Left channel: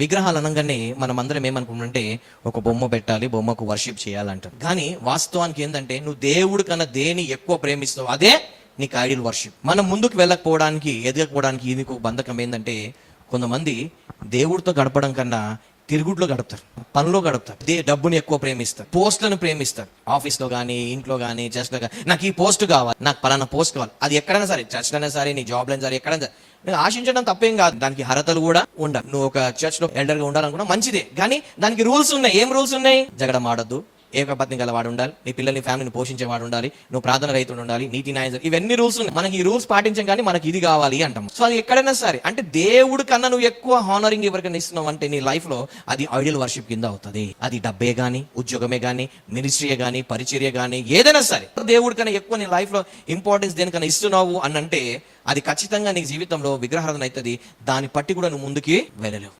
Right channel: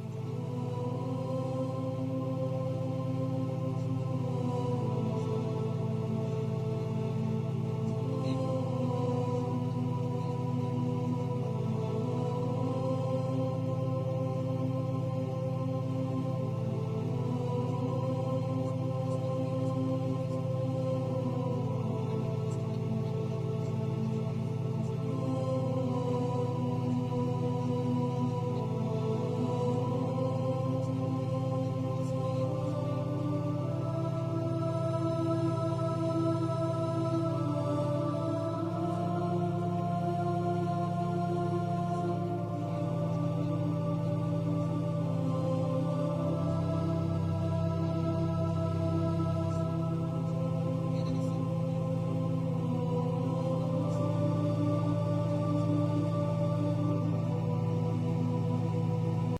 విగ్రహాలు అనగానే మనం అందరం ఏమనుకుంటుంటే ఒక బొమ్మ పెట్టాలి, బొమ్మకు వర్షిప్ చేయాలంట. కానీ వాస్తవానికి ఏంటంటే నువ్వు దేవుడి కన్నా దేని ఎక్కువ ప్రేమిస్తావు అదే నీకు ఐడియల్ వర్షిప్. మనం ముందుకు వెళ్ళకపోవడానికి, ఎదగకపోవడానికి ఇది బంధకం ఏంటంటే కొంతమంది దేవుడితో గడపడం కన్నా తిరుగుట్లో గడుపుతారు, పనిలో గడుపుతారు. డబ్బుని ఎక్కువ ప్రేమిస్తారు, పోస్టులను ప్రేమిస్తారు. ఆఫీస్ లో కానీ, ఇంట్లో కానీ, చర్చ్ లో కానీ నాకు ఈ పోస్ట్ కావాలి, నాకు పలానా పోస్ట్ కావాలి. అది ఎక్కడైనా సరే, చర్చ్ అయినా సరే, నీ జాబ్ అయినా సరే, ఎక్కడైనా సరే. నేను ఆశించడం తప్పేం కాదు, దానికి అర్హతలు కూడా ఉండాలి. నువ్వు ఒక చర్చ్ లో ఎల్డర్ గా ఉండాలనుకున్నా మంచిదే, కానీ దానికి రూల్స్ ఉన్నాయి. ఏం రూల్స్ ఉన్నాయి? జగడం ఆడొద్దు, ఏకపత్ని గలవాడు ఉండాలి, నీ పిల్లల్ని ఫ్యామిలీని పోషించేవాడు ఉండాలి, నువ్వు ప్రార్థన రైతుడు ఉండాలి, నీతి న్యాయం, ఇవన్నీ రూల్స్ ఉన్నాయి. మనకి ఈ రూల్స్ పాటించాం కానీ మనకి ఇది కావాలి అంటాం. సో అది ఎక్కడైనా సరే, అంటే దేవుడి కన్నా నువ్వు ఎక్కువ హానరింగ్ ఎవరికైనా ఇస్తున్నావు అంటే నీ లైఫ్ లో అది ఐడియల్ వర్షిప్ కింద అవుతుంది. అది డబ్బే గానీ, ఉద్యోగమే గానీ, మినిస్ట్రీయే గానీ, పరిచర్య గానీ, ఏదైనా సరే దేవుడి కన్నా ఎక్కువ నీ లైఫ్ లో ఇంపార్టెన్స్ దేనికన్నా ఇస్తున్నావు అని అంటే అది ఖచ్చితంగా నీ జీవితంలో విగ్రహారాధన అవుతుంది. దాన్ని బట్టి కూడా నువ్వు ముందుకి వెళ్ళలేవు.